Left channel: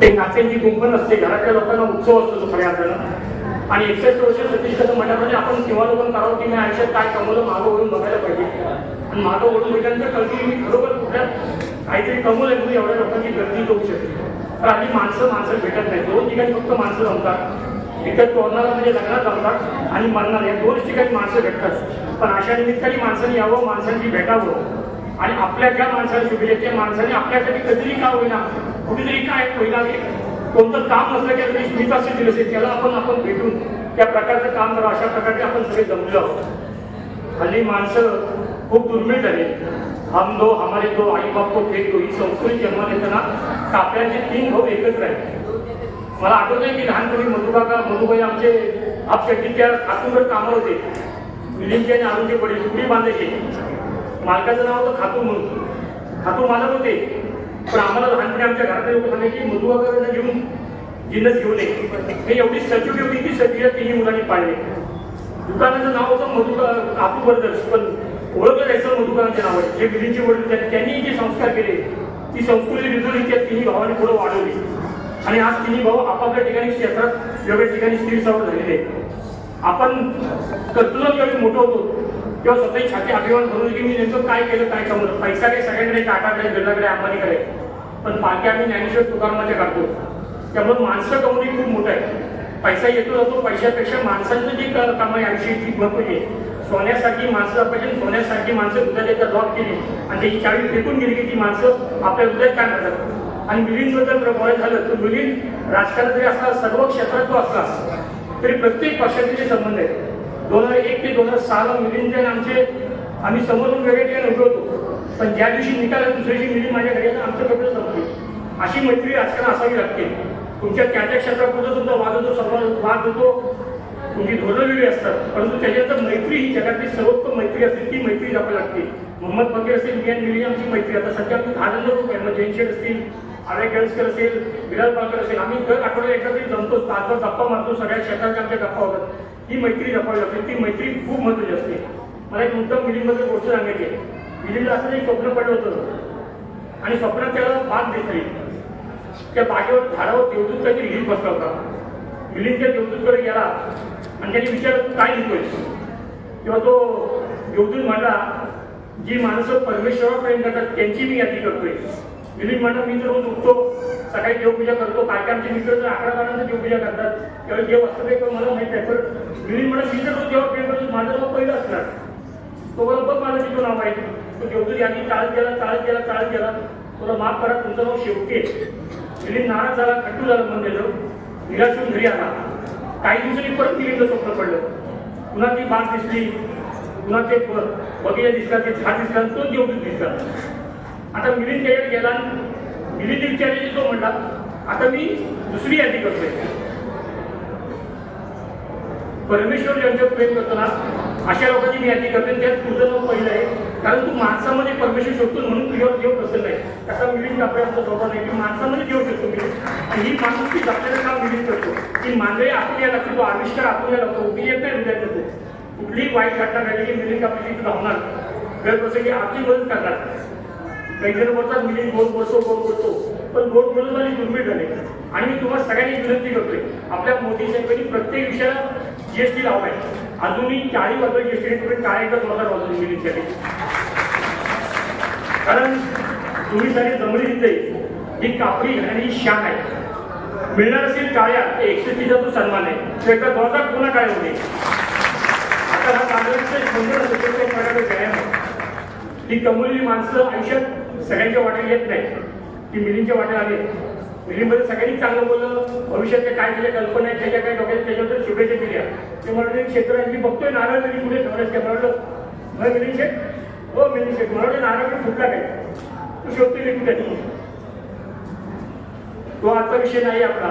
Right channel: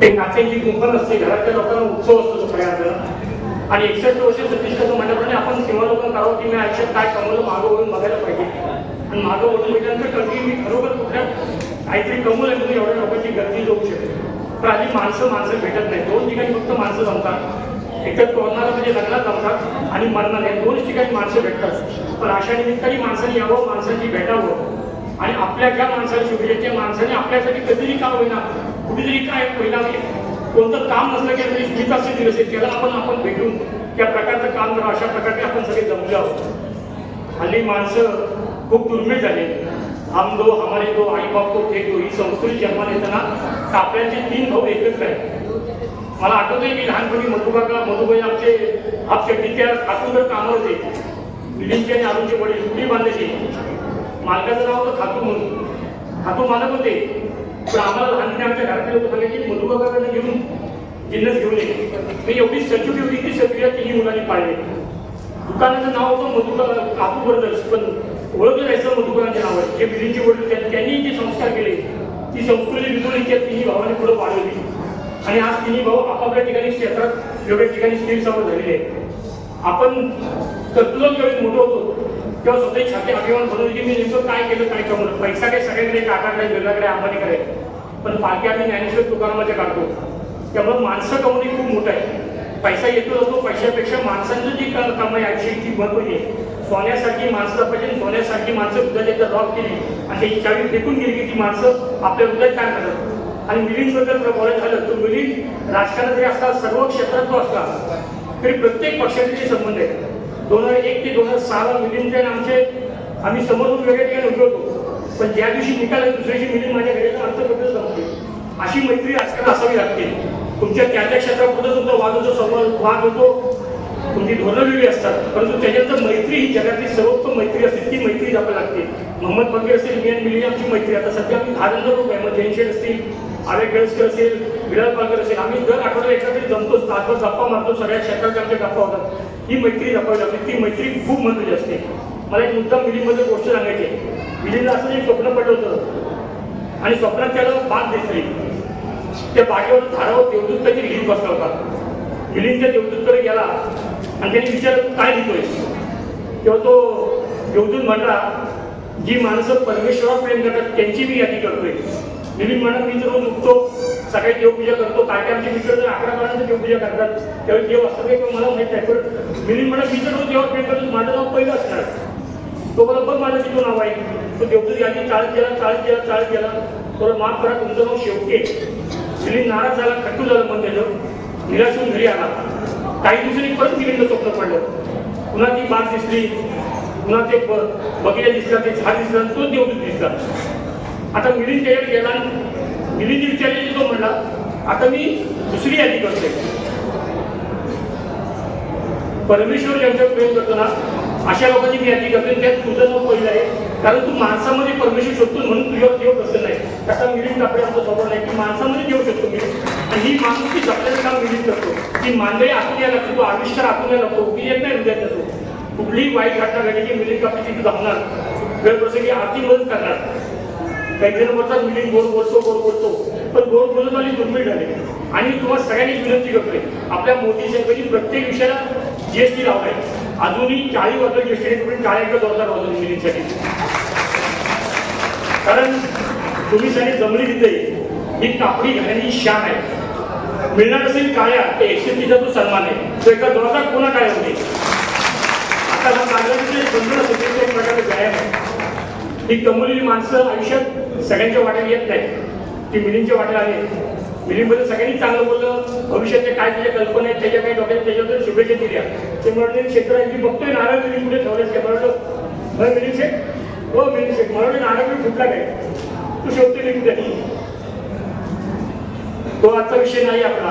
ते नात्यांची गुंफण असते, घरातल्या लोकांना उत्सव असतो खऱ्या आपल्याला. आणि 61 वर्ष सतीश कदम म्हटल्याप्रमाणे आपण सीमालोकन करावं की मी आयुष्यात काय कमवलं मागं वळून बघायला पाहिजे. आणि मागं वळून भेटायच्या कळती मी खरोखर कुठल्या काहीतरी कमवलंय म्हणून एवढ्या लोकांची गर्दी होऊ शकते. तर आधी माणसं भेटत नाही. 2 ठिकाणी फक्त माणसं जमतात, एकतर कोणाला म्हणजे लग्नात जमतात आणि मरणात, या 2 ठिकाणी माणसं भेटतात. पण अशा निमित्ताने माणसांनी यावं, माणसांची भेटावं आणि आपल्या ज्या माणसाला शुभेच्छा माणसाने आपल्यासाठी कधीही का होईना कुठेतरी काय होईना कोणतं काम नसलं की तरी स्मित असेल दिवस त्याला आपण भेटून त्या प्रकारचं काम करू. अशा प्रकारे आपण सगळे जमलो आहोत. हल्ली माणसं खूप दुर्मिळ झाली. हम दो हमारे दो आई बाप को फेक दो ही संस्कृती जन्माला येताना कापल्याचे 3 भाऊ एकत्र आहेत. मला आठवतंय की लहानपणी मधुबाई आमचे आपल्या त्या खातूवर कामाला होते. मिलिंदचे आणि आरूचे वडील टुकडी बांधायचे. मालकाचं नाव होतं खातू म्हणून. खातू मालक होते पण आम्हाला लहानपणी आमच्या घरातले लोक सांगायचे मधुबाबाकडे घेऊन जिन्नस घेऊन ये. मी एवढी सचूट होती की सगळ्या 3 मुलांनी पाळले. दुकानाचं नाव होतं कापू ब्रदर्स, पण ओळखलं जायचं मधुबाबांच्या नावावर. जे मिलिंदचे वडील त्यांनी जे संस्कार केले ती संस्कृती विजून त्या 3 भावांनी पुढे वाढवली. आणि आज 3 भाऊ आपापल्या ठिकाणी क्षेत्रात वेगळ्या ठिकाणी स्थिर सावध झालेले आहेत. आपण कर्तृत्व ज्यावेळी मोठं होतो तेव्हा स्वतःची छाती अभिमान भरून की मी नेमकं काय केलं काय कमवलं. पैसा काही सगळ्यांकडे टाटाकडे बिर्लाकडे अंबानीकडे, पण पालखी आम्ही ज्ञानेश्वर तुकारामाच्या काढतो. त्यामुळे माणसं कमवणे खूप मोठं आहे. पैसा येतो जातो, पैशापेक्षा माणसांचं जी कामं याची महत्त्वाची आहे. सोन्यासारखी माणसं पाहिजे, सोन्यासारखी माणसं दुधाच्या ड्रॉप केली आणि त्याची चावी फेकून गेली की ती माणसं आपल्या हृदयात काय करतात. आणि मिलिंदबद्दल बोलायचं झालं तर मिलिंद राजकारणात जरी असला सर्व क्षेत्रात तो असला तरी प्रत्येक पक्षाचे संबंध आहेत. 2001 ते 2006 मिलिंदचे आमचे आम्ही समोरून वेगळ्या ठिकाणी उभे होतो, पण ज्या दिवशी निकाल दुसऱ्या दिवशी मिलिंद माझ्या घरी आमचं पत्र संपतो. अशी मैत्री राजकारण असावी लागते. तुमच्या त्या क्षेत्रात कुठं तुमचा वाद होतो, तुमची धोरणं वेगळी असतात, परंतु त्याच्यानंतर मैत्री ही जगातली सर्वोत्तम मैत्री असते. ती मैत्री जपावी लागते. मोहम्मद बगीर असेल, मी आणि मिलिंद आमची मैत्री आता सध्या आम्ही 10 जण लोक आहे. जैन शेठ असतील, आळे केळसकर असेल, विलास पालकर असेल, आम्ही दर आठवड्याला एखादी जमतो, तासभर गप्पा मारतो. सगळ्या क्षेत्रात आमच्या गप्पा होतात. ही मैत्री जपावी लागते. ती मैत्री खूप महत्त्वाची असते. मला एक मुद्दा मिलिंदमध्ये गोष्ट सांगायची आहे. मिलिंदला असं एक स्वप्न पडलं होतं आणि स्वप्नात त्याला बाग दिसली. त्या बागेवर झाडावर देवदूत काहीतरी लिहित बसला होता. मिलिंद त्या देवदूतकडे गेला आणि त्यांनी विचारलं काय लिहितोयस. तेव्हा तो देवदूत म्हणला जी माणसं परमेश्वरावर प्रेम करतात त्यांची मी यादी करतोय. मिलिंद म्हणा मी रोज उठतो, सकाळी देवपूजा करतो. काय काय आमचे मित्र 11-12 देवपूजा करतात, त्यावेळी देव असतो काही मला माहित नाही. तर मिलिंद म्हणा मी रोज देवा प्रेम करतो, माझं नाव पहिलं असणार. तो मला बघ माझं तिथं नाव आहे. तो देवदूत यादी चाळत गेला. थोडं माफ करा तुमचं नाव शेवटे. मिलिंद नाराज झाला, खट्टू झालं मन त्याचं, निराश होऊन घरी आला. काही दिवसांनी परत मिलिंदचं स्वप्न पडलं. पुन्हा ती बाग दिसली, पुन्हा ते बगीचा दिसला, ते झाड दिसला, तो देवदूत दिसला. आता मिलिंद त्याच्याकडे गेला. मिलिंद विचारले तो म्हणला आता मी दुसरी यादी करते. परमेश्वर यांच्यावर प्रेम करतो ना अशा लोकांची मी यादी करते. त्यात तुझं नाव पहिलं आहे, कारण तू माणसामध्ये परमेश्वर शोधतो म्हणून तुझ्यावर देव प्रसन्न आहे. तसा मिलिंद आपल्याला स्वभाव नाही की माणसामध्ये देव शोधतो मी. आणि ही माणूस जपण्याचं काम मिलिंद करतो की मांजरे आतून यायला लागतो, तो आविष्कार आतून यायला लागतो, मी येत नाही हृदयात जातो. कुठलीही वाईट घटना घडली की मिलिंद आपली तिथे धावणार, वेळ प्रसंगी आर्थिक मदत करणार. काही जण बोलतात मिलिंद गोड बोलतो, पण गोड बोलतवाली दुर्मिळ झाले. आणि तुम्हाला सगळ्यांनी विनंती करतोय आपल्या मोदी साहेबांनी प्रत्येक विषयाला जीएसटी लावलाय. अजूनही 40% जीएसटी तुम्ही काय एकदा जोरदार वाजवून मिलिंदसाठी, कारण तुम्ही सारी जमली तिथे ही कापडी घालण्याची शान आहे. मिळणार असेल काळ्या ते 130चा तो सन्मान आहे. तो एका जोरदार कोणा काय होते. आता हा काँग्रेसचे एक प्रकारचा व्यायाम आहे. ही कमवलेली माणसं आयुष्यात सगळ्यांच्या वाट्याला येत नाही, ती मिलिंदच्या वाट्याला आली. मिलिंदमध्ये सगळ्यांनी चांगलं बोललं, भविष्याचे काय त्याच्या कल्पना आहेत त्याच्या काय डोक्यात त्याच्याबद्दल शुभेच्छा दिल्या. ते म्हणले क्षेत्रात बघतोय नारळ तरी पुढे ठेवल्यास काय म्हणलं मिलिंद शेख, हो मिलिंद शेख मला नारळ फुटला काय तू शेवटी लिहून द्या. तो आजचा विषय नाही आपला,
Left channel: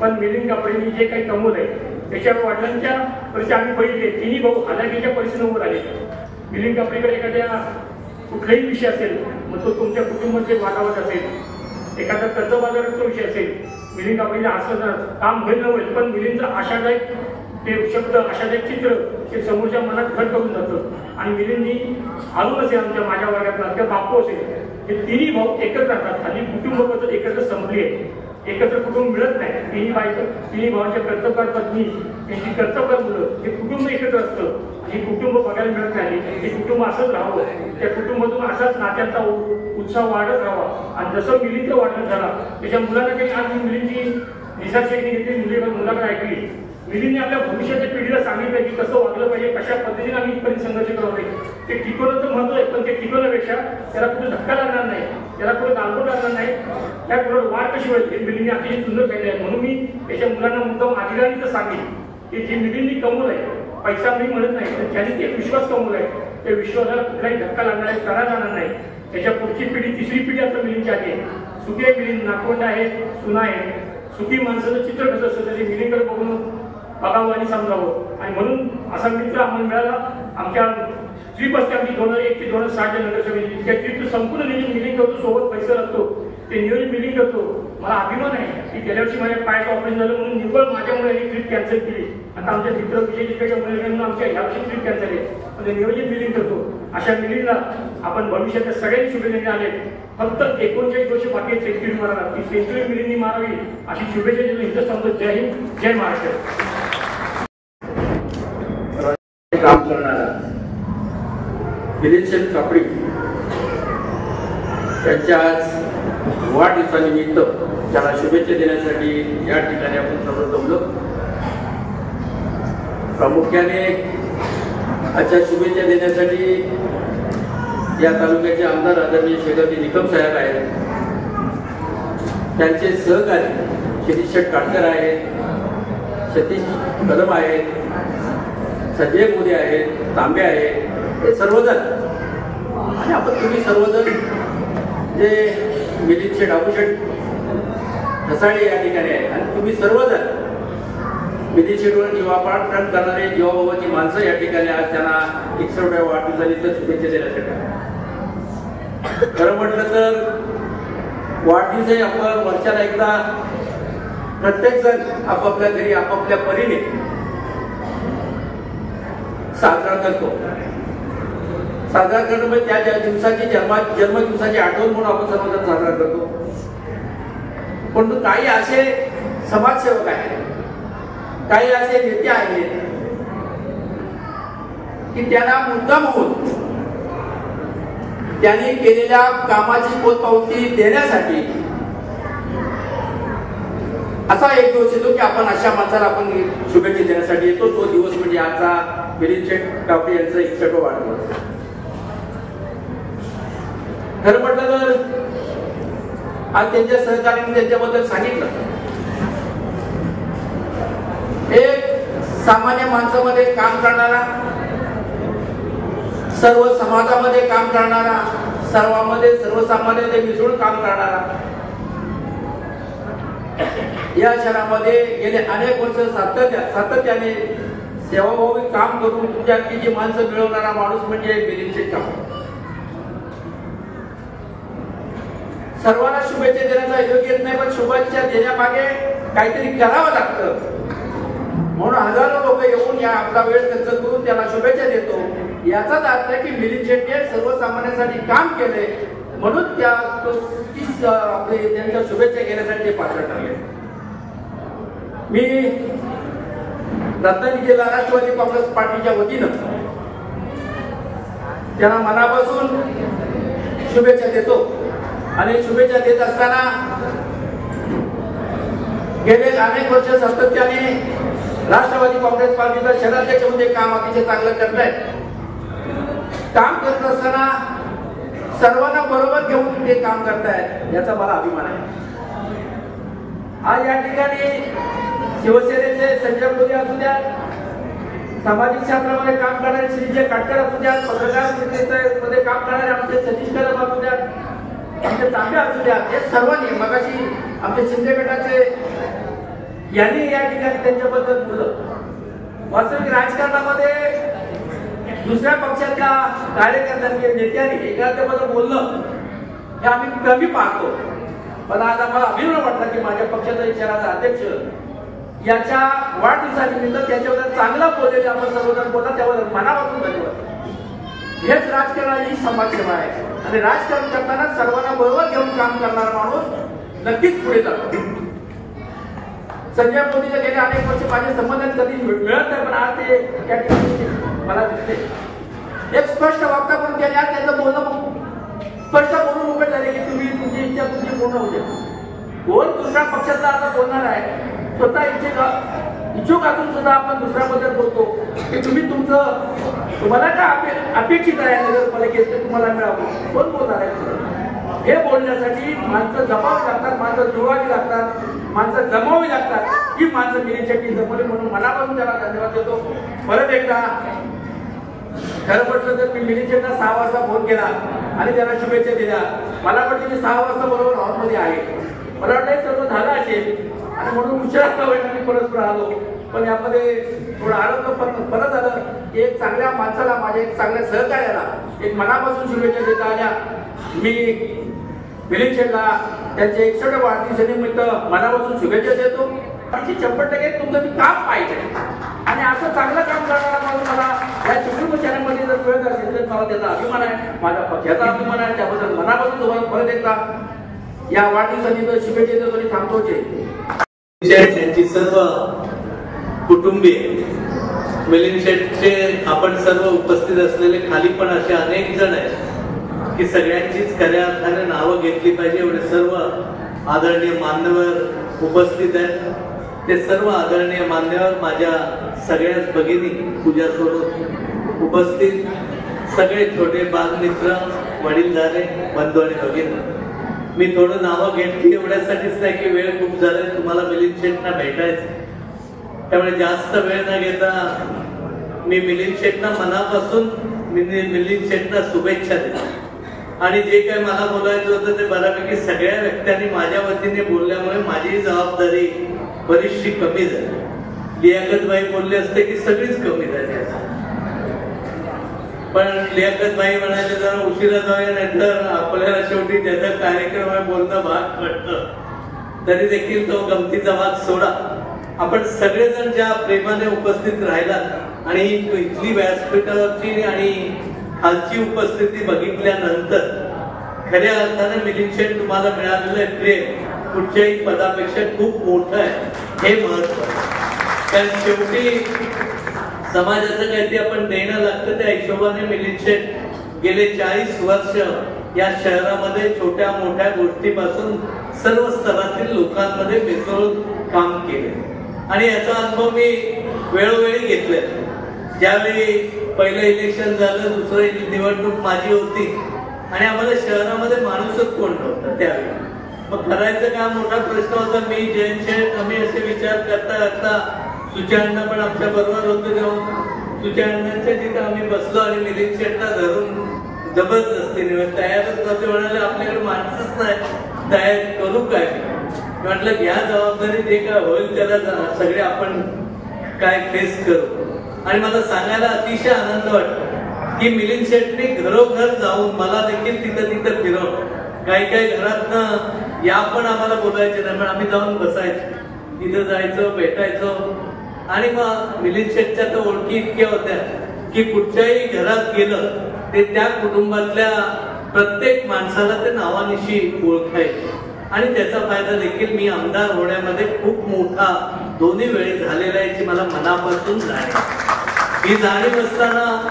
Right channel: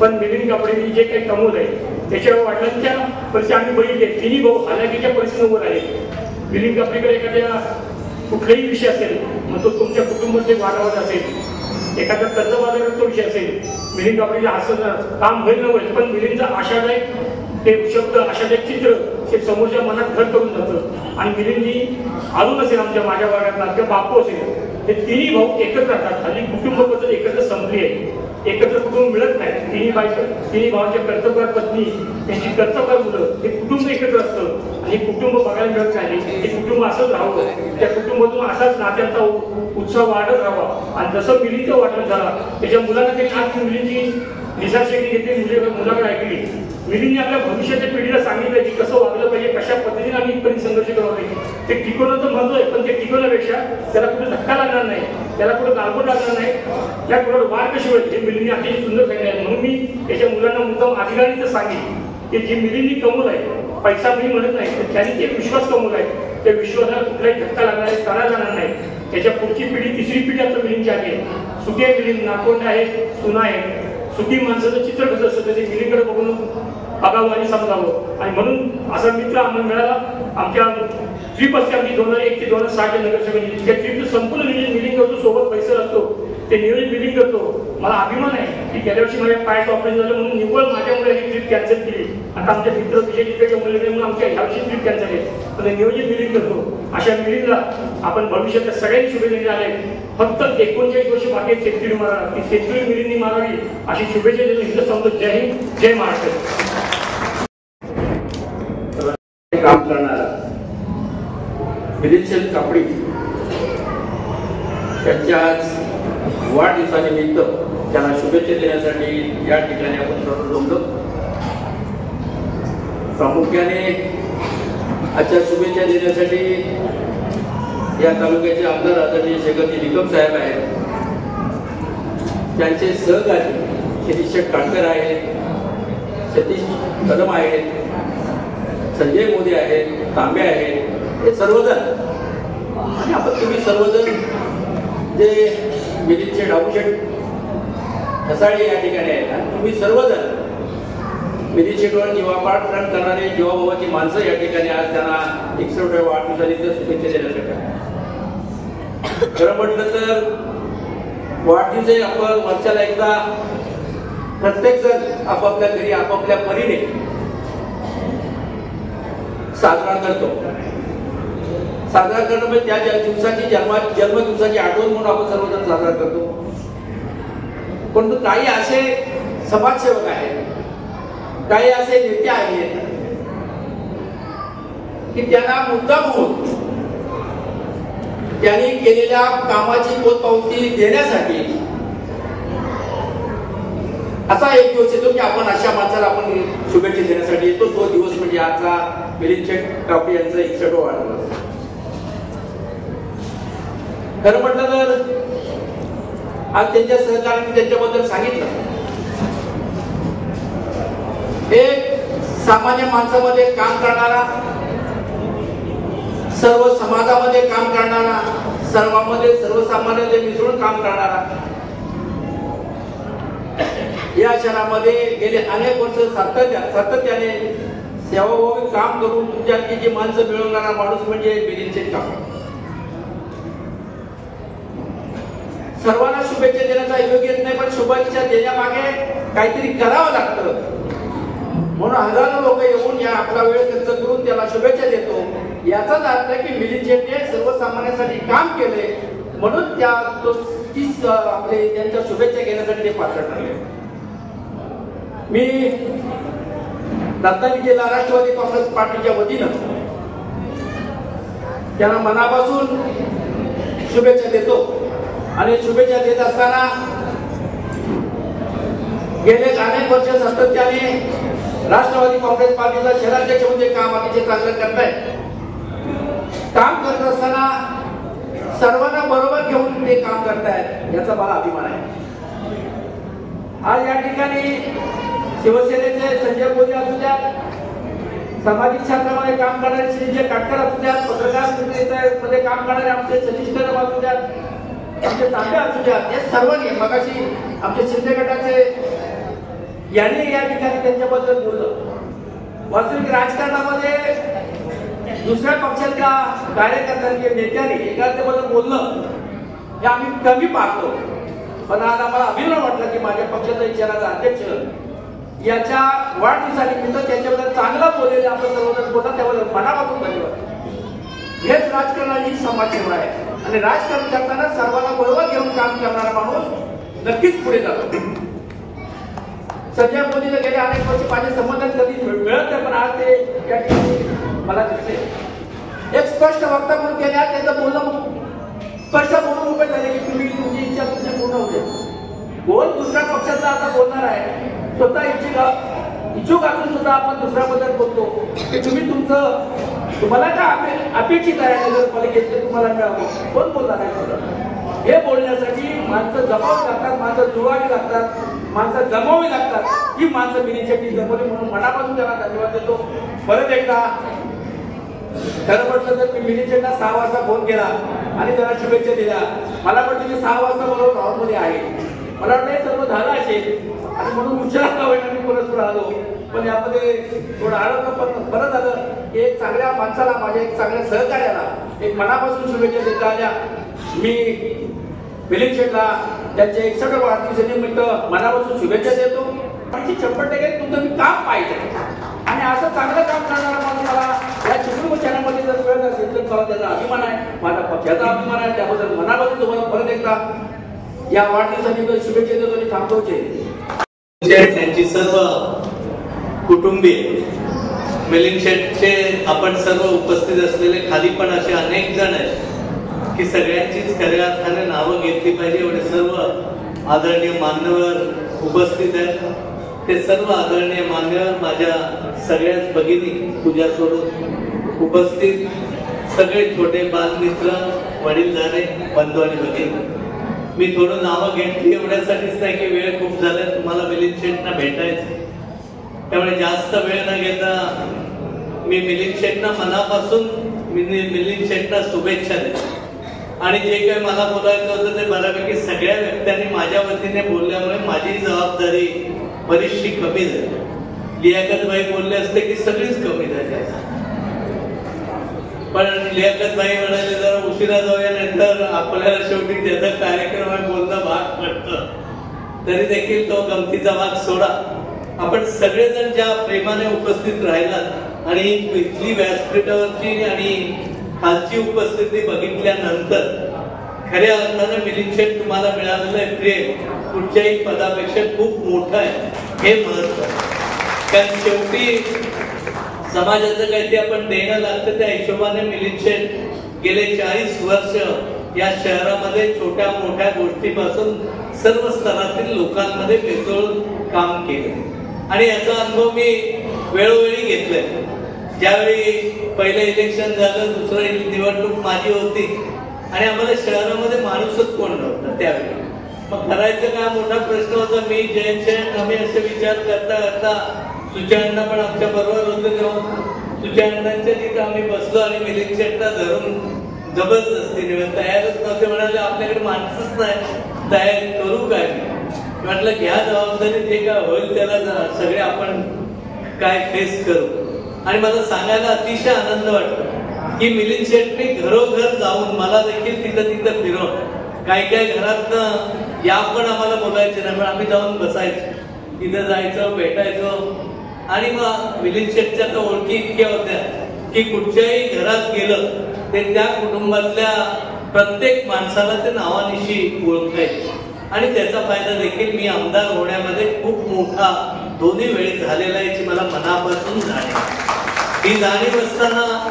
पण मिलिंद कापडेंनी जे काही कमवलंय त्याच्यावर वडिलांच्या परिस्थिती आम्ही बघितले. 3 भाऊ हालाकीच्या परिस्थितीवर आले. मिलिंद कापडेकडे एखाद्या कुठलाही विषय असेल, मग तो तुमच्या कुटुंबाचे वाटावट असेल, एखादा कर्जबाजाराचा विषय असेल, मिलिंद कापडेचं असं काम होईल न होईल, पण मिलिंदचा आशादायक ते शब्द आशादायक चित्र ते समोरच्या मनात घर करून जातं. आणि मिलिंदनी अजून असेल माझ्या वर्गातला किंवा बापू असेल, हे 3 भाऊ एकत्र राहतात. आणि कुटुंब पद्धत एकत्र संपली आहे, एकत्र तिन्ही भावांचे कर्तव्य पत्नी, त्यांची कर्तव्य मुलं, हे कुटुंब एकत्र असतं आणि कुटुंब बघायला मिळत नाही. हे कुटुंब असंच राहावं, त्या कुटुंबातून असाच नात्यांचा उत्साह वाढत राहावा. आणि जसं मिलींचं वाटण झाला त्याच्या मुलांना ते आज मुलींची निसर्गशक्ती घेतली, मुलाकडे ऐकली. मिलींनी आपल्या भविष्याच्या पिढीला सांगितलं की कसं वागलं पाहिजे, कशा पद्धतीने आम्ही इथपर्यंत संघर्ष करावा पाहिजे. ते टिकवलं तर म्हणतोय, पण ते टिकवण्यापेक्षा त्याला कुठे धक्का लागणार नाही, त्याला कुठे गालबोट लागणार नाही, त्या कुठे वाढ कशी होईल हे मिलींनी आपली सुंदर सांगितलं. म्हणून मी त्याच्या मुलांना मुद्दाम अधिकारीचं सांगेन की जे मिलींनी कमवलं आहे, पैसा मी म्हणत नाही, तर त्यांनी ते विश्वास कमवला आहे, त्या विश्वासाला कुठलाही धक्का लागणार आहे, करा जाणार नाही. त्याच्या पुढची पिढी, तिसरी पिढी आता मिलींची आहे. सुके मिलिंद नाकोंड आहे, सुना आहे. सुखी माणसाचं चित्र कसं असतं ते मिलीकडे बघून बघावं आणि समजावं. आणि म्हणून असा मित्र आम्हाला मिळाला. आमच्या ट्रिप असते आमची 2001 ते 2060 नगरसेवेची. त्या ट्रिपचं संपूर्ण नियोजन मिलिंग करतो, सोबत पैसे असतो, ते नियोजन मिलिंग करतो. मला अभिमान आहे की गेल्या वर्षी माझ्या पायाचं ऑपरेशन झालं म्हणून निव्वळ माझ्यामुळे ही ट्रिप कॅन्सल केली. आता आमच्या मित्र विजय टिकेच्या मुलीकडे म्हणून आमच्या ह्या वर्षी ट्रिप कॅन्सल आहे, पण नियोजन मिलिंग करतो. अशा मिलिंगला आपण भविष्याच्या सगळ्यांनी शुभेच्छा आले. फक्त 39 वर्ष बाकी सेंचुरी मारा, ती सेंचुरी मिलिंदनी मारावी अशी शुभेच्छा देतो. हिंद समजत. जय हिंद, जय महाराष्ट्र. काम करणारा मिलिंद कापडी त्यांच्या आज वाढदिवसानिमित्त त्यांना शुभेच्छा देण्यासाठी या ठिकाणी आपण सर्व जमलो. प्रामुख्याने आजच्या शुभेच्छा देण्यासाठी या तालुक्याचे आमदार आदरणीय शेखरजी निकम साहेब आहेत, त्यांचे सहकारी शिरीष काटकर आहेत, सतीश कदम आहेत, संजय मोदी आहेत, तांबे आहेत, हे सर्वजण. आणि आपण तुम्ही सर्वजण जे मिलिंद शेठ आबूशेठ ठसाळे या ठिकाणी आहेत, आणि तुम्ही सर्वजण मिलिंद शेठवर जीवापाड प्रण करणारे जीवाभावाची माणसं या ठिकाणी आज त्यांना 61व्या वाढदिवसानिमित्त शुभेच्छा देण्यासाठी. खरं म्हटलं तर वाढदिवस आपण वर्षाला एकदा प्रत्येक जण आपापल्या घरी आपापल्या परीने साजरा करतो. साजरा करणं म्हणजे त्या दिवसाची जन्मदिवसाची आठवण म्हणून आपण सर्वजण साजरा करतो. परंतु काही असे समाजसेवक आहेत, काही असे नेते आहेत की त्यांना मुद्दाम होऊन त्यांनी केलेल्या कामाची पोचपावती देण्यासाठी असा एक दिवस येतो की आपण अशा माणसाला आपण शुभेच्छा देण्यासाठी येतो. तो दिवस म्हणजे आजचा मिलिंद शेठ कापडी यांचा 61वा वाढदिवस. खरं म्हटलं तर आज त्यांच्या सहकार्याने त्यांच्याबद्दल सांगितलं. एक सामान्य माणसामध्ये काम करणारा, सर्व समाजामध्ये काम करणारा, सर्वांमध्ये सर्वसामान्य मिसळून काम करणारा, या शहरामध्ये गेले अनेक वर्ष सातत्याने सेवाभावी काम करून तुमच्याकडे जी माणसं मिळवणारा माणूस म्हणजे मिलिंद शेठ कापडी. सर्वांना शुभेच्छा देण्याचा योग्य नाही, पण शुभेच्छा देण्यामागे काहीतरी करावं लागतं. म्हणून हजारो लोक येऊन या आपला वेळ खर्च करून त्याला शुभेच्छा देतो. याचाच अर्थ आहे की मिलिंद शेठने सर्वसामान्यांसाठी काम केले, म्हणून आपले त्यांच्या शुभेच्छा घेण्यासाठी ते पात्र ठरले. मी रत्नागिरीला राष्ट्रवादी काँग्रेस पार्टीच्या वतीनं त्यांना मनापासून शुभेच्छा देतो. आणि शुभेच्छा देत असताना गेले अनेक वर्ष सातत्याने राष्ट्रवादी काँग्रेस पार्टीचा शहराध्यक्ष म्हणजे काम अतिशय चांगलं करतायत. काम करत असताना सर्वांना बरोबर घेऊन ते काम करतायत, याचा मला अभिमान आहे. आज या ठिकाणी शिवसेनेचे संजय मोदी असू द्या, सामाजिक क्षेत्रामध्ये काम करणारे श्रीजय काटकर असू द्या, पत्रकार मध्ये काम करणारे आमचे सतीश कदम असू द्या, आमचे तांबे असू द्या, हे सर्वांनी मगाशी आमचे शिंदे गटाचे यांनी या ठिकाणी त्यांच्याबद्दल बोललं. वास्तविक राजकारणामध्ये दुसऱ्या पक्षातल्या कार्यकर्त्यांनी नेत्यांनी एखाद्याबद्दल बोललं हे आम्ही कमी पाहतो. पण आज आम्हाला अभिमान वाटला की माझ्या पक्षाचा विचाराचा अध्यक्ष याच्या वाढदिवसानिमित्त त्याच्याबद्दल चांगला बोललेले आपण सर्वजण बोलतात, त्याबद्दल मनापासून धन्यवाद. हेच राजकारणाची समाजसेवा आहे. आणि राजकारण करताना सर्वांना बरोबर घेऊन काम करणारा माणूस नक्कीच पुढे जातो. संजय मोदीचे गेले अनेक वर्ष माझे संबंध कधी मिळत नाही, पण आज ते त्या ठिकाणी मला दिसते एक स्पष्ट वक्ता म्हणून केल्या. त्याचं बोलणं स्पष्ट बोलून मोकळे झाले की तुम्ही तुमची इच्छा तुमची पूर्ण होते. कोण दुसऱ्या पक्षातला असं बोलणार आहे? स्वतः इच्छुक असून सुद्धा आपण दुसऱ्याबद्दल बोलतो की तुम्ही तुम्हाला काय अपेक्षित आहे नगरपालिकेत तुम्हाला मिळावं. कोण बोलणार आहे? हे बोलण्यासाठी माणसं जमावी लागतात, माणसं जुळवावी लागतात, माणसं जमावी लागतात. ही माणसं मिलिंद शेट्टी जमवली म्हणून मनापासून त्याला धन्यवाद देतो. परत एकदा खरं म्हटलं तर मी मिलिंद शेट्टीला 6 वाजता फोन केला आणि त्यांना शुभेच्छा दिल्या. मला वाटतं मी 6 वाजता बरोबर हॉलमध्ये आहे. मला वाटतं सर्व झालं असेल आणि म्हणून उशिरा वेळेला मी परत आलो. पण यामध्ये थोडं आलं परत आलं. एक चांगल्या माणसाला माझ्या एक चांगल्या सहकार्याला एक मनापासून शुभेच्छा देता आल्या. मी मिलिंद शेट्टीला त्यांच्या 61 वाढदिवसानिमित्त मनापासून शुभेच्छा देतो. 100% तुमचं मी काम पाहिजे आणि असं चांगलं काम करणारा मला या चित्रपट चॅनलमध्ये जर वेळ असेल तर मला त्याचा अभिमान आहे, माझ्या पक्षाचा अभिमान आहे. त्याबद्दल मनापासून तुम्हाला परत एकदा या वाढदिवसानिमित्त शुभेच्छा देतो आणि थांबवते. त्यांची सर्व कुटुंबीय मिलिंद शेट्टीचे आपण सर्व उपस्थित असलेले खाली पण असे अनेक जण आहेत की सगळ्यांचीच खऱ्या अर्थाने नावं घेतली पाहिजे. एवढे सर्व आदरणीय मान्यवर उपस्थित आहेत. ते सर्व आदरणीय मान्यवर माझ्या सगळ्याच भगिनी पूजा सोडून उपस्थित सगळे छोटे बालमित्र वडीलधारे बंधू आणि भगिनी. मी थोडं नावं घेतली एवढ्यासाठीच नाही की वेळ खूप झाला तुम्हाला मिलिंद शेट्टींना भेटायचं. त्यामुळे जास्त वेळ न घेता मी मिलिंद शेट्टींना मनापासून मिलिंद शेट्टींना शुभेच्छा देतो. आणि जे काही मला बोलायचं होतं ते बऱ्यापैकी सगळ्या व्यक्तींनी माझ्या वतीने बोलल्यामुळे माझी जबाबदारी बरीचशी कमी झाली. लियाकतबाई बोलले असते की सगळीच कमी झाली असते. पण लियाकतबाई म्हणाले जर उशिरा जाऊया नाही तर आपल्याला शेवटी त्याच्या कार्यक्रमात बोलणं भाग पडतं. तरी देखील तो गमतीचा भाग सोडा. आपण सगळेजण ज्या प्रेमाने उपस्थित राहिलात आणि इथली व्यासपीठावरची आणि खालची उपस्थिती बघितल्यानंतर खऱ्या अर्थाने मिलिंद शेट्टी तुम्हाला मिळालेलं आहे प्रेम कुठच्याही पदापेक्षा खूप मोठं आहे. हे महत्व कारण शेवटी समाजाचं काहीतरी आपण देणं लागतं. त्या हिशोबाने मिलिंद शेट्टी गेले 40 वर्ष या शहरामध्ये छोट्या मोठ्या गोष्टीपासून सर्व स्तरातील लोकांमध्ये मिसळून काम केले आणि याचा अनुभव मी वेळोवेळी घेतलाय. ज्यावेळी पहिलं इलेक्शन झालं, दुसरं निवडणूक माझी होती आणि आम्हाला शहरामध्ये माणूसच कोण नव्हतं त्यावेळी. मग करायचं का मोठा प्रश्न होता. मी जयंत शेठ आम्ही असे विचार करता करता सुचेअण्णा पण आमच्या बरोबर होते. जेव्हा सुचेअण्णांच्या जिथे आम्ही बसलो आणि मिलिंद शेट्टीला धरून जबरदस्तीने तयारच नव्हते. म्हणाले आपल्याकडे माणसंच नाही, तयार करू काय? म्हटलं घ्या जबाबदारी, जे काय होईल त्याला सगळे आपण काय फेस करू. आणि मला सांगायला अतिशय आनंद वाटतो की मिलिंद शेट्टी घरोघर जाऊन मला देखील तिथं फिरवलं. काही काही घरातनं या पण आम्हाला बोलायचे नाही, पण आम्ही जाऊन बसायचो, तिथं जायचं, भेटायचो. आणि मग मिलिंद शेट्टीच्या तर ओळखी इतक्या होत्या की कुठच्याही घरात गेलं ते त्या कुटुंबातल्या प्रत्येक माणसाला ते नावानिशी ओळखायचे. आणि त्याचा फायदा देखील मी आमदार होण्यामध्ये खूप मोठा दोन्ही वेळेस झालेला आहे याची मला मनापासून जाणीव. ही जाणीव असताना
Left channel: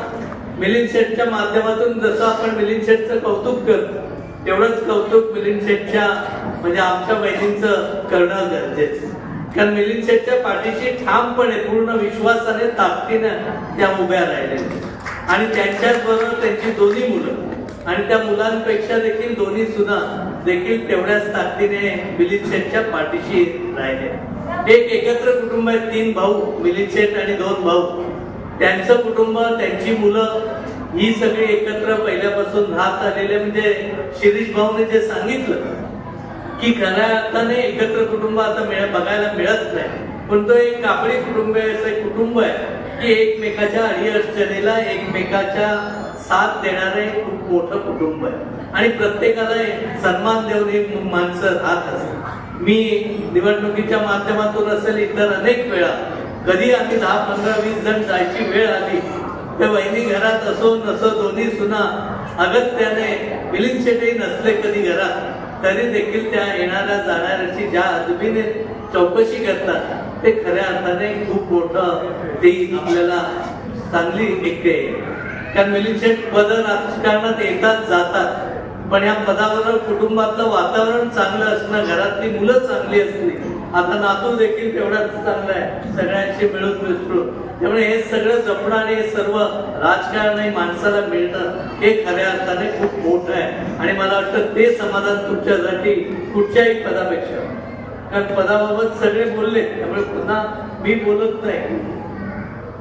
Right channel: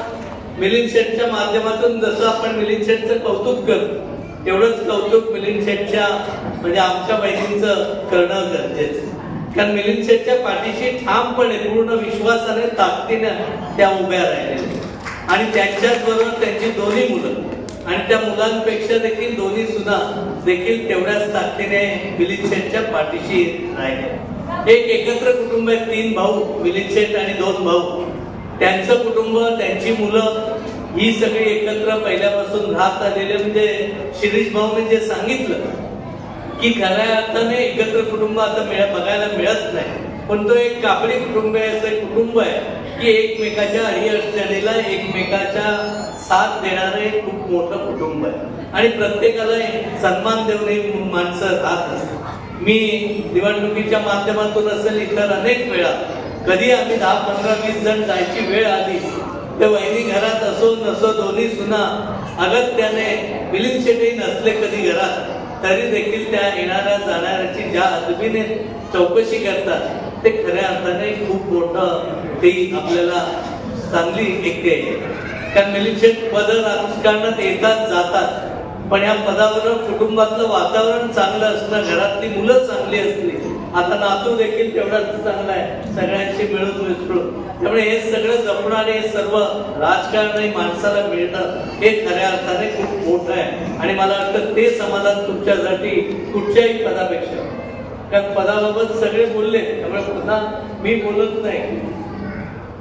मिलिंद शेट्टीच्या माध्यमातून जसं आपण मिलिंद शेट्टीचं कौतुक करतो तेवढंच कौतुक मिलिंद शेट्टीच्या म्हणजे आमच्या बहिणींचं करणं गरजेचं. कारण मिलिंद शेट्टीच्या पाठीशी ठामपणे पूर्ण विश्वासाने ताकदीनं त्या उभ्या राहिलेल्या आणि त्यांच्याच बरोबर त्यांची दोन्ही मुलं आणि त्या मुलांपेक्षा देखील दोन्ही सुना देखील तेवढ्याच ताकदीने मिलिंद शेट्टीच्या पाठीशी राहिले. एक एकत्र कुटुंब आहे, 3 भाऊ मिलिंद शेट्टी आणि 2 भाऊ. त्यांचं कुटुंब, त्यांची मुलं ही सगळी एकत्र पहिल्यापासून राहत आलेले. म्हणजे शिरीष भाऊने जे सांगितलं की खऱ्या अर्थाने एकत्र कुटुंब आता बघायला मिळत नाही, पण तो एक कापडी कुटुंब आहे, असं एक कुटुंब आहे की एकमेकाच्या अडीअडचणीला एकमेकाच्या साथ देणारे खूप मोठं कुटुंब आहे आणि प्रत्येकाला सन्मान देऊन माणसं राहत असतात. मी निवडणुकीच्या माध्यमातून असेल इतर अनेक वेळा कधी आम्ही 10, 15, 20 जण जायची वेळ आली तर वहिनी घरात असो नसो दोन्ही सुना अगत्याने मिलिंद शेट्टी नसले कधी घरात तरी देखील त्या येणाऱ्या जाणाऱ्याची ज्या अदबीने चौकशी करतात ते खऱ्या अर्थाने खूप मोठं ती आपल्याला चांगली एकते. कारण मिलिंद शेठ पद राजकारणात येतात जातात, पण या पदावर कुटुंबातलं वातावरण चांगलं असणं, घरातली मुलं चांगली असली, आता नातू देखील तेवढाच चांगला आहे, सगळ्यांशी मिळून मिसळून. त्यामुळे हे सगळं जपणं आणि हे सर्व राजकारणी माणसाला मिळणं हे खऱ्या अर्थाने खूप मोठं आहे. आणि मला वाटतं ते समाधान तुमच्यासाठी कुठच्याही पदापेक्षा, कारण पदाबाबत सगळे बोलले त्यामुळे पुन्हा मी बोलत नाही.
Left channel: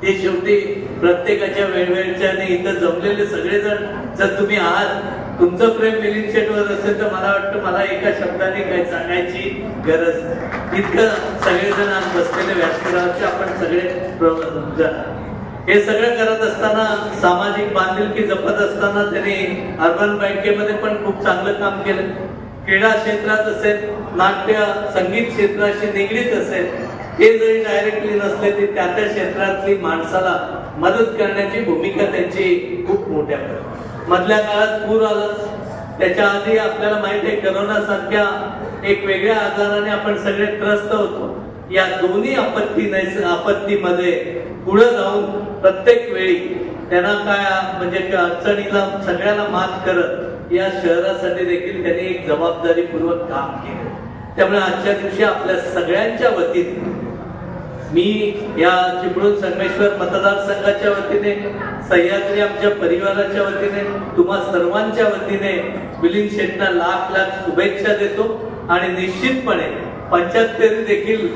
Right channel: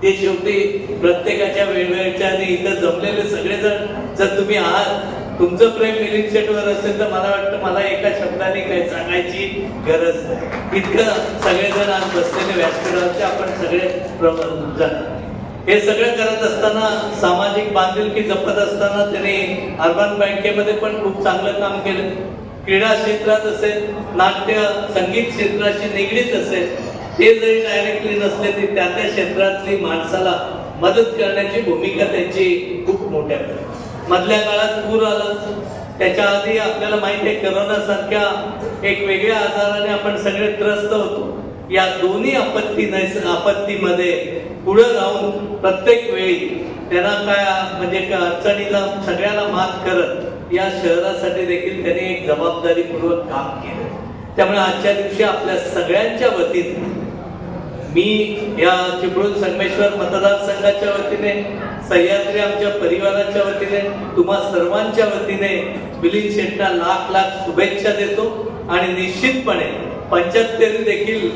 ते शेवटी प्रत्येकाच्या वेगवेगळ्या आणि इथं जमलेले सगळेजण जर तुम्ही आहात, तुमचं प्रेम मिलिंद शेठवर असेल तर मला वाटतं मला एका शब्दाने काही सांगायची गरज नाही. इतकं सगळेजण आज बसलेले व्यासपीठावरचे आपण सगळे हे सगळं करत असताना, सामाजिक बांधिलकी जपत असताना त्यांनी अर्बन बँकेमध्ये पण खूप चांगलं काम केलं. क्रीडा क्षेत्रात असेल, नाट्य संगीत क्षेत्राशी निगडीत असेल, ते जरी डायरेक्टली नसले तरी त्या त्या क्षेत्रातली माणसाला मदत करण्याची भूमिका त्यांची खूप मोठ्या. मधल्या काळात पूर आलं, त्याच्या आधी आपल्याला माहिती आहे करोना सारख्या एक वेगळ्या आजाराने आपण सगळे त्रस्त होतो. या दोन्ही आपत्तीमध्ये पुढे जाऊन प्रत्येक वेळी त्यांना काय म्हणजे अडचणीला सगळ्याला मात करत या शहरासाठी देखील त्यांनी एक जबाबदारीपूर्वक काम केलं. त्यामुळे आजच्या दिवशी आपल्या सगळ्यांच्या वतीने मी या चिपळूण संगमेश्वर मतदारसंघाच्या वतीने, सह्याद्री आमच्या परिवाराच्या वतीने, तुम्हा सर्वांच्या वतीने मिलिंद शेठला लाख लाख शुभेच्छा देतो. आणि निश्चितपणे 75 देखील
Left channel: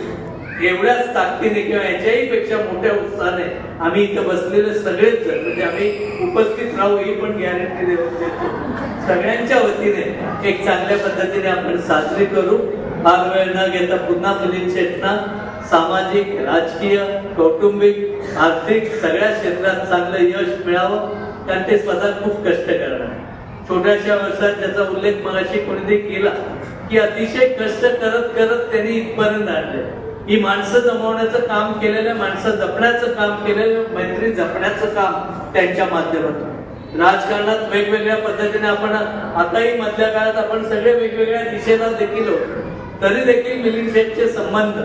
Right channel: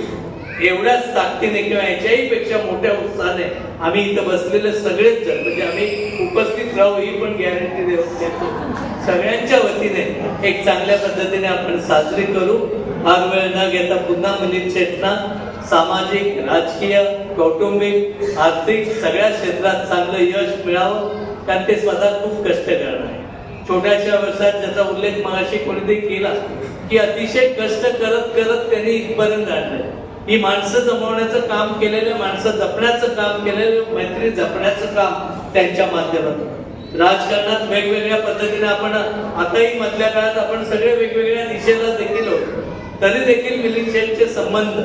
एवढ्याच ताकदीने किंवा याच्याही पेक्षा मोठ्या उत्साहाने आम्ही इथं बसलेले सगळेच जण, म्हणजे आम्ही उपस्थित राहू ही पण गॅरंटी देतो. सगळ्यांच्या वतीने एक चांगल्या पद्धतीने आपण साजरी करू. फार वेळ न घेता पुन्हा मिलिंद शेठना सामाजिक, राजकीय, कौटुंबिक, आर्थिक सगळ्या क्षेत्रात चांगलं यश मिळावं. कारण ते स्वतः खूप कष्ट करणार आहे. छोट्याशा वर्षात ज्याचा उल्लेख मगाशी कोणीतरी केला की अतिशय कष्ट करत करत त्यांनी इथपर्यंत आणलं. ही माणसं जमवण्याचं काम केलेलं, माणसं जपण्याचं काम केलेलं, मैत्री जपण्याचं काम त्यांच्या माध्यमातून. राजकारणात वेगवेगळ्या पद्धतीने आपण आताही मधल्या काळात आपण सगळे वेगवेगळ्या दिशेला देखील होतो, तरी देखील मिलिंद शेठचे संबंध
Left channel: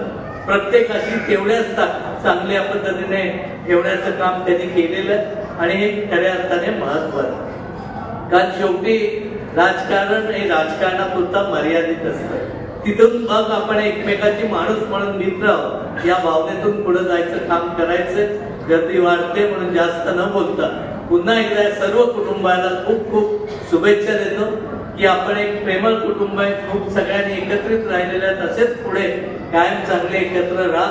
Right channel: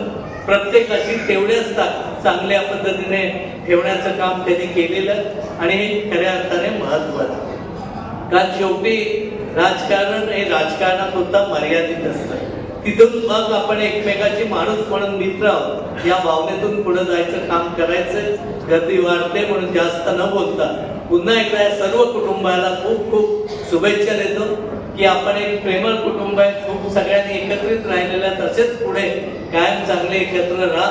प्रत्येकाशी तेवढ्याच चांगल्या पद्धतीने ठेवण्याचं काम त्यांनी केलेलं आणि हे खऱ्या अर्थाने महत्वाचं. कारण शेवटी राजकारण हे राजकारणात सुद्धा मर्यादित असतं. तिथून मग आपण एकमेकाची माणूस म्हणून मित्र आहोत या भावनेतून पुढे जायचं, काम करायचं. गर्दी वाढते म्हणून जास्त न बोलता पुन्हा एकदा सर्व कुटुंबाला खूप खूप शुभेच्छा देतो की आपण एक प्रेमळ कुटुंब आहे, खूप सगळ्यांनी एकत्रित राहिलेल्या, तसेच पुढे कायम चांगले एकत्र राहा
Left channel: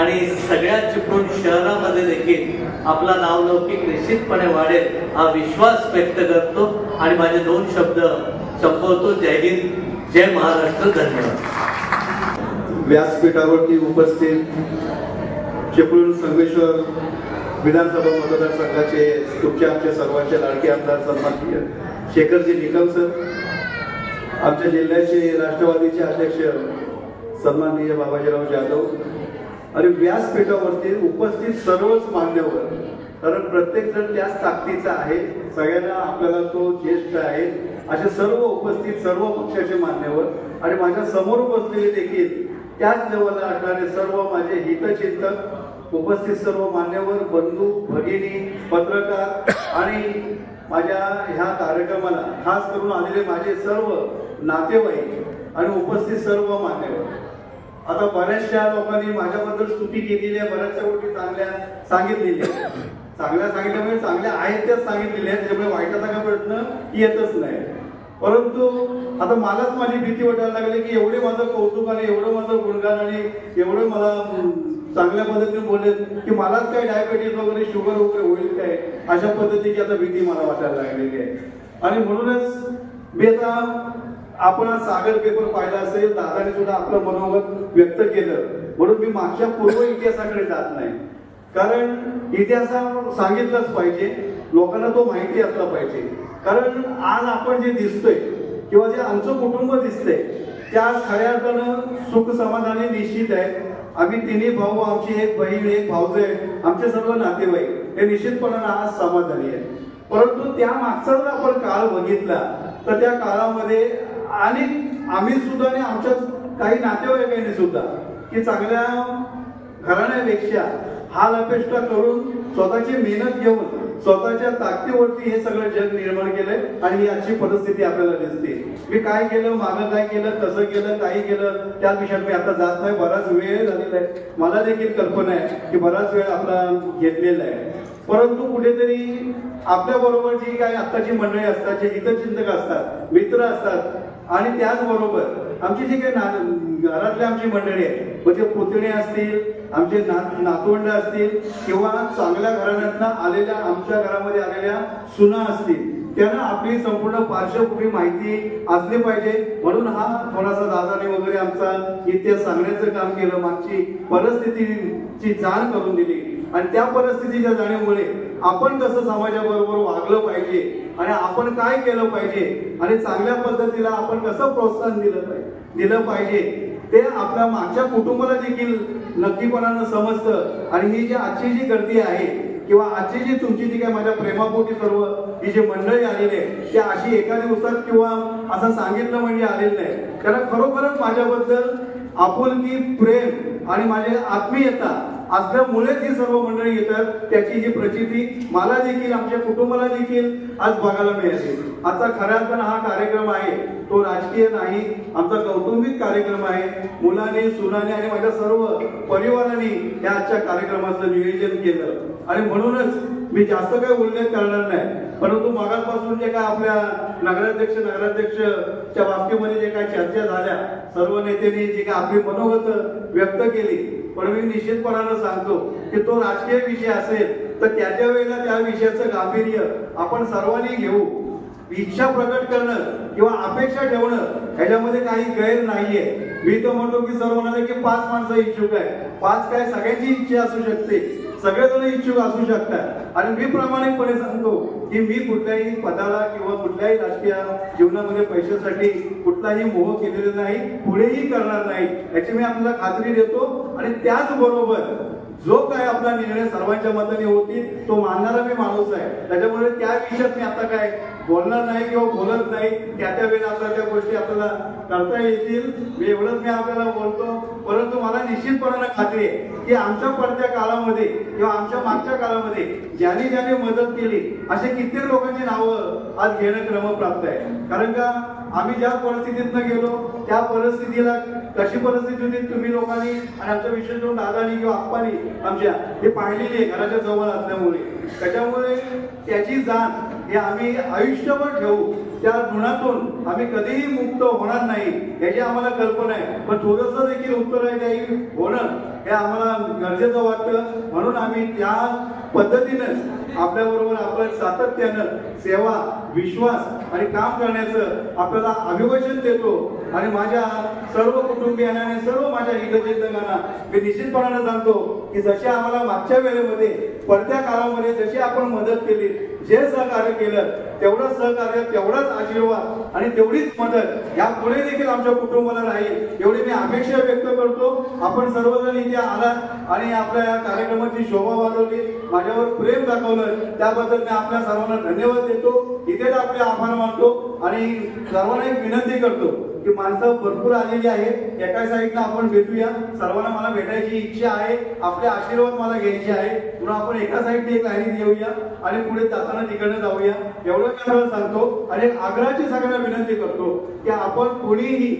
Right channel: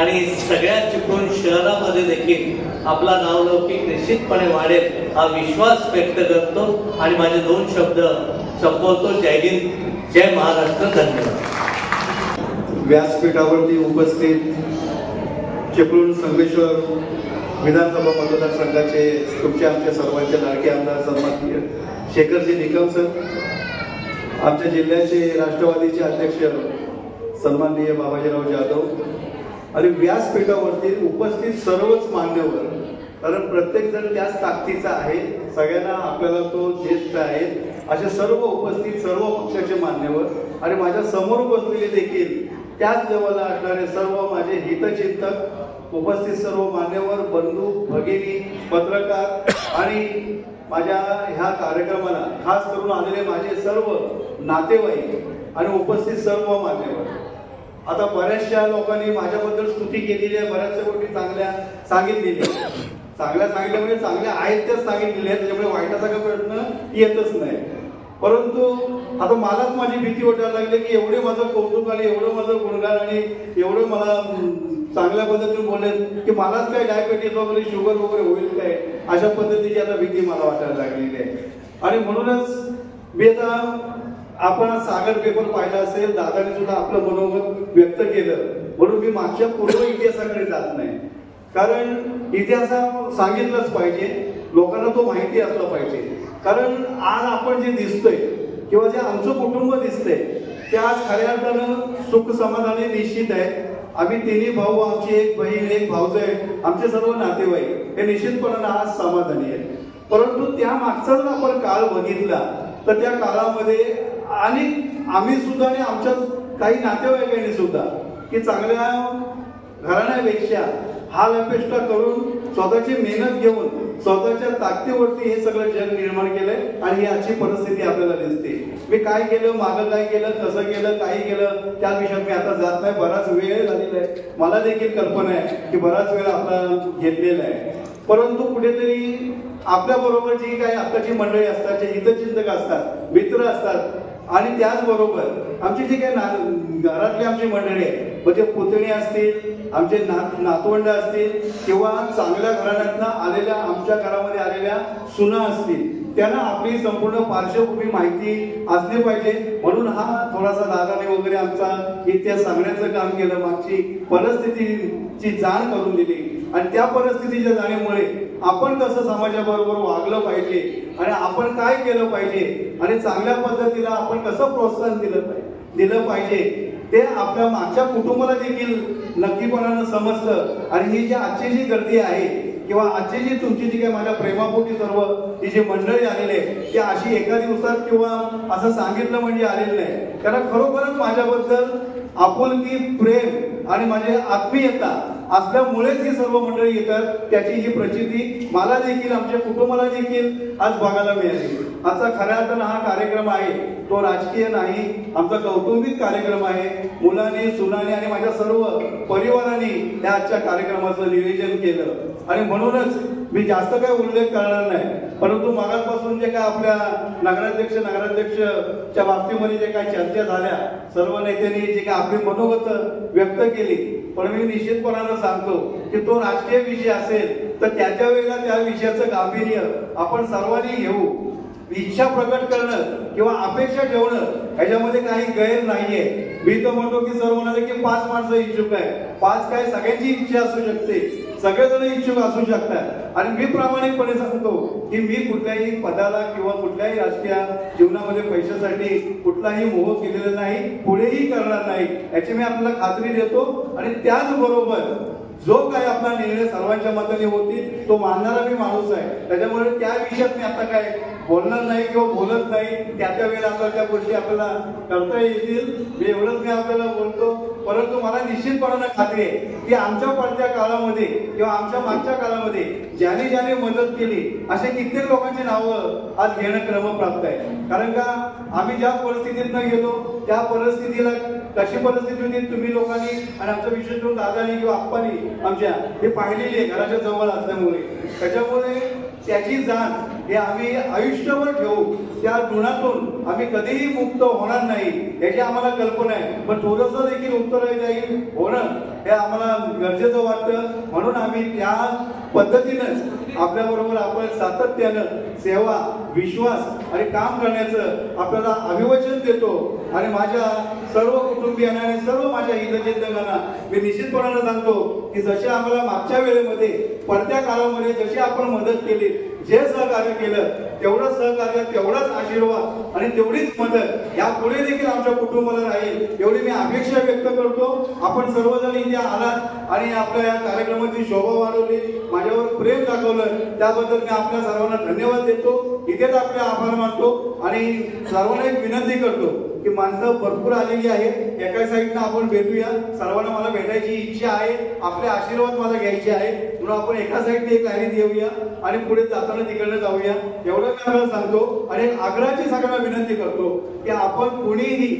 आणि सगळ्या चिपळूण शहरामध्ये देखील आपला नावलौकिक निश्चितपणे वाढेल हा विश्वास व्यक्त करतो आणि माझे 2 शब्द संपवतो. जय हिंद, जय महाराष्ट्र, धन्यवाद. व्यासपीठावरती उपस्थित चिपळूण संगमेश्वर विधानसभा मतदारसंघाचे तुमचे आमचे सर्वांचे लाडके आमदार सन्माननीय शेखरजी निकम सर, आमच्या जिल्ह्याचे राष्ट्रवादीचे अध्यक्ष सन्माननीय बाबाजीराव जाधव आणि व्यासपीठावरती उपस्थित सर्वच मान्यवर, कारण प्रत्येक जण त्याच ताकदीचा आहे, सगळ्यांना आपल्याला तो ज्येष्ठ आहे, असे सर्व उपस्थित सर्व पक्षाचे मान्यवर आणि माझ्या समोर बसलेले देखील त्याच लेवलला असणारे सर्व माझे हितचिंतक, उपस्थित सर्व मान्यवर, बंधू, भगिनी, पत्रकार आणि माझ्या ह्या कार्यक्रमाला खास करून आलेले माझे सर्व नातेवाईक आणि उपस्थित सर्व मान्यवर. आता बऱ्याचशा लोकांनी माझ्याबद्दल स्तुती केलेली आहे, बऱ्याचशा गोष्टी चांगल्या सांगितलेल्या, चांगल्या सांगितल्यामुळे चांगल्या आहेत त्याच सांगितलेल्या आहेत, त्यामुळे वाईटाचा काही प्रश्न येतच नाही. परंतु आता मलाच माझी भीती वाटायला लागली की एवढे माझं कौतुक आणि एवढं माझं गुणगान आणि एवढं मला चांगल्या पद्धतीने बोलले की मलाच काय डायबिटीज वगैरे शुगर वगैरे होईल काय, अशा पद्धतीची आता भीती मला वाटायला लागलेली आहे. आणि म्हणूनच मी आता आपण सागर पेपर पाहिला असेल, दादाने सुद्धा आपलं मनोगत व्यक्त केलं, म्हणून मी मागच्या पूर्व इतिहासाकडे जात नाही, कारण इतिहास सांगितलंच पाहिजे, लोकांना तो माहिती असला पाहिजे. कारण आज आपण जे दिसतोय किंवा जे आमचं कुटुंब दिसतंय त्या आज खऱ्या अर्थानं सुख समाधानी निश्चित आहे. आम्ही 3 भाऊ, आमची 1 बहीण, 1 भाऊजाई, आमचे सर्व नातेवाईक हे निश्चितपणानं आज समाधानी आहे. परंतु त्या मागचा जर आपण काळ बघितला तर त्या काळामध्ये आम्ही सुद्धा आणि आमच्या काही नातेवाईकांनी सुद्धा की चांगल्या घराण्यापेक्षा हाल अपेष्टा करून स्वतःची मेहनत घेऊन स्वतःच्या ताकदीवरती हे सगळं जग निर्माण केलंय आणि ही आजची परिस्थिती आपल्याला दिसते. मी काय केलं, मागं काय केलं, कसं केलं, काही केलं त्या विषयात मी आता जात नाही. बराच वेळ झालेला आहे, मला देखील कल्पना आहे की बराच वेळ आपला घेतलेला आहे. परंतु कुठेतरी आपल्या बरोबर जी काही आत्ताची मंडळी असतात, जे हितचिंतक असतात, मित्र असतात आणि त्याचबरोबर आमची जी काही घरातली आमची मंडळी आहे, म्हणजे पुतणे असतील, आमचे नातवंड असतील किंवा चांगल्या घराण्यातनं आलेल्या आमच्या घरामध्ये आलेल्या सुना असतील, त्यांना आपली संपूर्ण पार्श्वभूमी माहिती असली पाहिजे. म्हणून हा थोडासा दादाने वगैरे आमचा इतिहास सांगण्याचं काम केलं, मागची परिस्थितीची जाण करून दिली आणि त्या परिस्थितीच्या जाणीमुळे आपण कसं समाजाबरोबर वागलं पाहिजे आणि आपण काय केलं पाहिजे आणि चांगल्या पद्धतीला आपण कसं प्रोत्साहन दिलं पाहिजे ते आपल्या मागच्या कुटुंबाला देखील नक्कीपणानं समजतं. आणि ही जी आजची जी गर्दी आहे किंवा आजची जी तुमची जी काय माझ्या प्रेमापोटी सर्व ही जी मंडळी आलेली आहे, ती अशी एका दिवसात किंवा असं सांगितलं म्हणजे आलेली नाही. त्याला खरोखरच माझ्याबद्दल आपुलकी, प्रेम आणि माझी आत्मीयता असल्यामुळेच ही सर्व मंडळी येतात. त्याची ही प्रचिती मला देखील आमच्या कुटुंबाला देखील आज बघायला मिळाली. आजचा खऱ्या अर्थानं हा कार्यक्रम आहे तो राजकीय नाही, आमचा कौटुंबिक कार्यक्रम आहे. मुलांनी, सुनाने आणि माझ्या सर्व परिवाराने या आजच्या कार्यक्रमाचं नियोजन केलं आणि म्हणूनच मी जास्त काही उल्लेख करणार नाही. परंतु मगापासून जे काय आपल्या नगराध्यक्षच्या बाबतीमध्ये जे काय चर्चा झाल्या, सर्व नेत्यांनी जे काय आपली मनोगत व्यक्त केली, पण मी निश्चितपणानं सांगतो की तो राजकीय विषय असेल तर त्या वेळेला त्या विषयाचं गांभीर्य आपण सर्वांनी घेऊ. इच्छा प्रकट करणं किंवा अपेक्षा ठेवणं ह्याच्यामध्ये काही गैर नाहीये. मी तर म्हणतो की सर्वांना देखील 5 माणसं इच्छुक आहे. 5 काय, सगळ्यांची इच्छा असू शकते, सगळेजण इच्छुक असू शकतात. आणि मी प्रामाणिकपणे सांगतो की मी कुठल्याही पदाला किंवा कुठल्याही राजकीय जीवनामध्ये पैशासाठी कुठलाही मोह केलेला नाही, पुढेही करणार नाही याची मी आपल्याला खात्री देतो. आणि त्याचबरोबर जो काय आपला निर्णय सर्वांच्या मताने होतील तो मानणारा मी माणूस आहे. त्याच्यामुळे त्या विषयात मी आता काय बोलणार नाही किंवा बोलत नाही. त्या वेळेला आपल्याला त्या गोष्टी आपल्याला करता येतील, मी एवढंच मी आपल्याला बोलतो. परंतु मला निश्चितपणानं खात्री आहे की आमच्या पडत्या काळामध्ये किंवा आमच्या मागच्या काळामध्ये ज्याने ज्याने मदत केली असे कित्येक लोकांची नावं आज घेणं क्रमप्राप्त आहे. कारण का आम्ही ज्या परिस्थितीतनं गेलो त्या परिस्थितीला कशी परिस्थिती होती तुम्ही लोकांनी आणि आमचं विशेष करून दादानी किंवा आप्पानी आमच्या हे पाहिलेली आहे घराच्या जवळ असल्यामुळे. त्याच्यामुळे त्याची जाण हे आम्ही आयुष्यभर ठेवू. त्या ऋणातून आम्ही कधीही मुक्त होणार नाही याची आम्हाला कल्पना आहे. पण थोडंसं देखील उत्तरदायी होणं हे आम्हाला गरजेचं वाटतं. म्हणून आम्ही त्या पद्धतीनंच आपल्याबरोबर आपण सातत्यानं सेवा, विश्वास आणि काम करण्याचं आपल्याला अभिवचन देतो. आणि माझ्या सर्व कुटुंबियांना आणि सर्व माझ्या हितचिंतकांना मी निश्चितपणानं सांगतो की जसे आम्हाला मागच्या वेळेमध्ये पडत्या काळामध्ये जशी आपण मदत केली, जे सहकार्य केलं तेवढं सहकार्य, तेवढाच आशीर्वाद आणि तेवढीच मदत यापुढे देखील आमच्या कुटुंबाला राहील एवढी मी अपेक्षा व्यक्त करतो. आपण सर्वजण इथे आलात आणि आपल्या या कार्यक्रमाची शोभा वाढवली, माझ्यावर प्रेम दाखवलं, त्याबद्दल मी आपल्या सर्वांना धन्यवाद देतो. इथेच आपले आभार मानतो आणि सर्वांना एक विनंती करतो की माणसं भरपूर आलेली आहेत, एका साईडनं आपण भेटूया. सर्वांना मला भेटायची इच्छा आहे, आपले आशीर्वाद मला घ्यायचे आहे, म्हणून आपण एका साईडने एक लाईन देऊया आणि पुढे जाताना तिकडनं जाऊया एवढं मी आपल्याला सांगतो. आणि एक आग्रहाची सगळ्यांना विनंती करतो की आपण कुणीही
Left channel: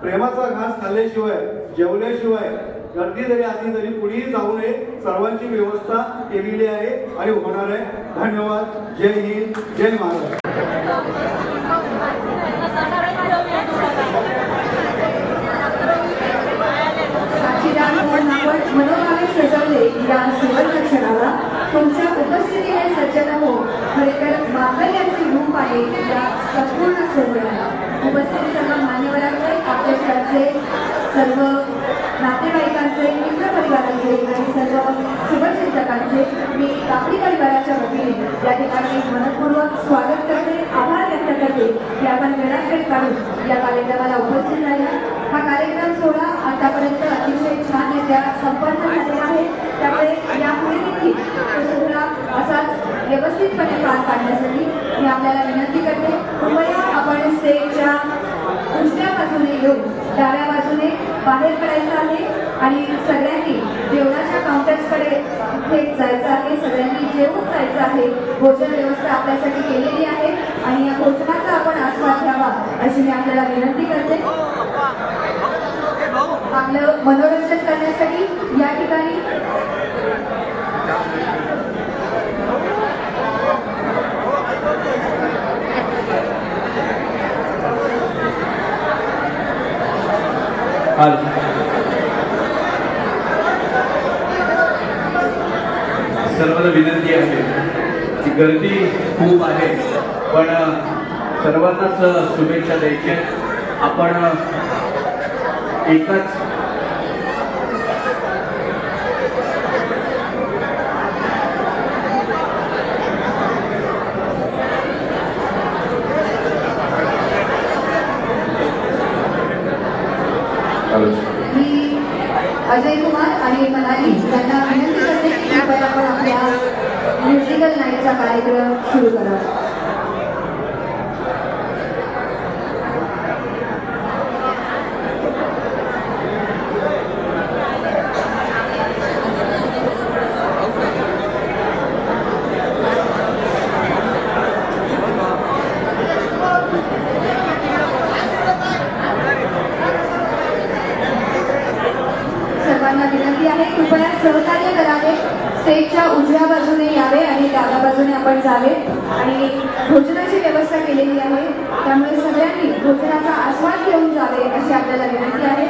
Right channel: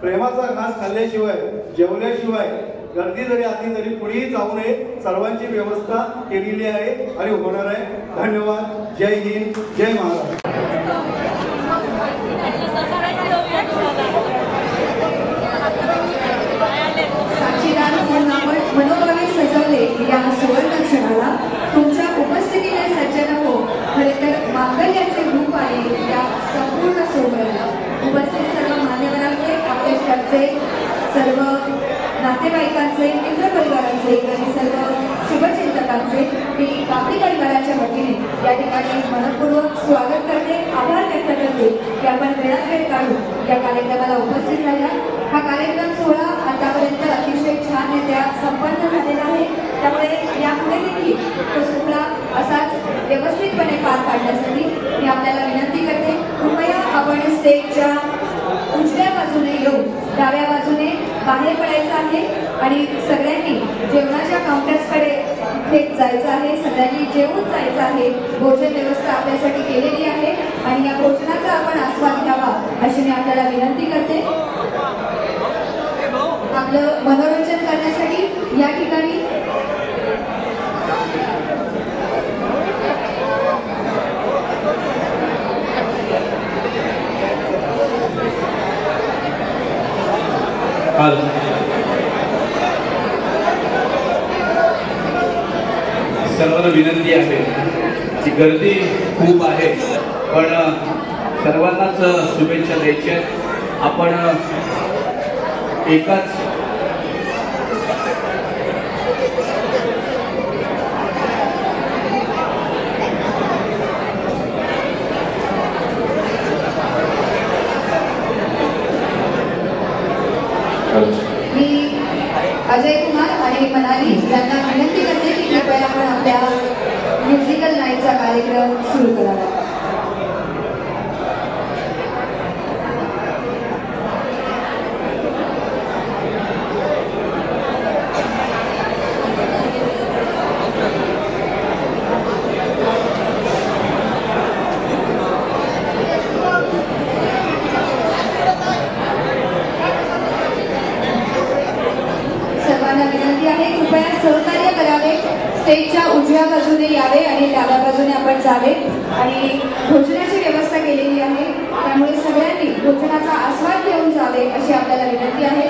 प्रेमाचा घास खाल्ल्याशिवाय, जेवल्याशिवाय गर्दी जरी असली तरी कुणीही जाऊ नये. सर्वांची व्यवस्था केलेली आहे आणि होणार आहे. धन्यवाद. जय हिंद, जय महाराष्ट्र. मनोभावे सजवले या सुवर्ण क्षणाला तुमच्या उपस्थितीने सज्जन हो. खरेतर मांगल्याचे रूप आहे या संपूर्ण सोहळ्याला. उपस्थित सर्व मान्यवरांचे, आपल्या शहराचे सर्व नातेवाईकांचे, मित्र परिवारांचे आणि सर्व शुभचिंतकांचे मी कापडी परिवाराच्या वतीने या ठिकाणी मनपूर्वक स्वागत करते, आभार व्यक्त करते की आपण वेळात काढून या कार्यक्रमाला उपस्थित राहिला. हा कार्यक्रम सोहळा आतापर्यंत अतिशय छान रित्या संपन्न झालेला आहे. त्यामुळे यापुढे देखील तो सोहळा असाच व्यवस्थितपणे पार पाडण्यासाठी मी आपल्याला विनंती करते. कृपया आपण स्टेजच्या उजव्या बाजूने घेऊन डाव्या बाजूने बाहेर पडायचं आहे आणि सगळ्यांनी जेवणाच्या काउंटर्सकडे थेट जायचं आहे. सगळ्यांनी जेवून जायचं आहे. भोजन व्यवस्था आपल्यासाठी केलेली आहे आणि या भोजनाचा आपण आस्वाद घ्यावा अशी मी आपल्याला विनंती करते. आपलं मनोरंजन करण्यासाठी या ठिकाणी सर्वांना विनंती आहे की गर्दी खूप आहे पण सर्वांनाच शुभेच्छा द्यायच्या. आपण एकाच मी अजय कुमार आणि मनाली यांना विनंती करते की कृपया आपण आपल्या म्युझिकल नाईटचा कार्यक्रम सुरू करावा. सर्वांना विनंती आहे कृपया सहकार्य करावे. स्टेजच्या उजव्या बाजूने यावे आणि डाव्या बाजूने आपण जावे आणि भोजनाची व्यवस्था केलेली आहे त्यामुळे सगळ्यांनी भोजनाचा आस्वाद घेऊन जावे अशी आपल्याला विनंती आहे.